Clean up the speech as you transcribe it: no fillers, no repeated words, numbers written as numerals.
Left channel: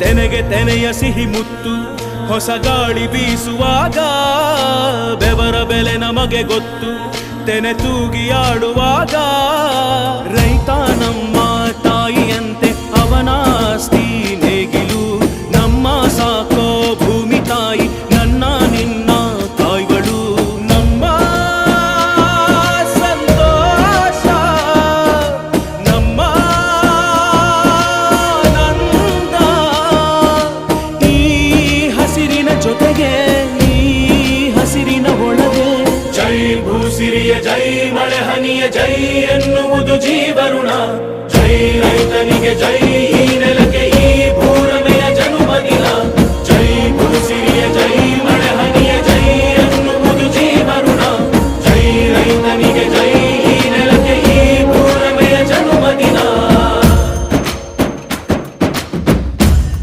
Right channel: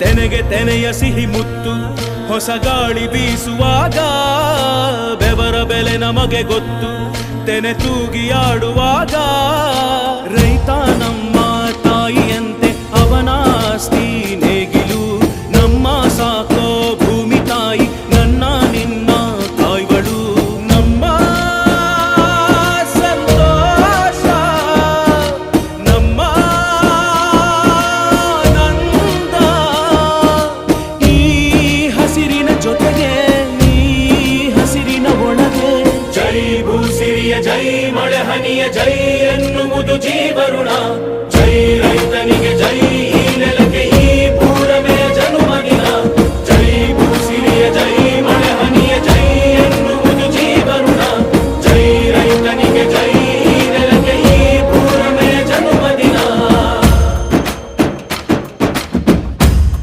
ತೆನೆಗೆ ತೆನೆಯ ಸಿಹಿ ಮುತ್ತು ಹೊಸ ಗಾಳಿ ಬೀಸುವಾಗ ಬೆವರ ಬೆಲೆ ನಮಗೆ ಗೊತ್ತು ತೆನೆ ತೂಗಿ ಆಡುವಾಗ ರೈತ ನಮ್ಮ ತಾಯಿಯಂತೆ ಅವನಾಸ್ತಿ ನೇಗಿಲು ನಮ್ಮ ಸಾಕೋ ಭೂಮಿ ತಾಯಿ ನನ್ನ ನಿನ್ನ ಕಾಯ್ಗಳು ನಮ್ಮ ಸಂತೋಷ ನಮ್ಮ ನಂದ ಈ ಹಸಿರಿನ ಜೊತೆಗೆ ಈ ಹಸಿರಿನ ಒಳಗೆ ಜೈ ಭೂಸಿರಿಯ ಜೈ ಮಳೆ ಹನಿಯ ಜೈ ಎನ್ನುವುದು ಜೀವರುಣ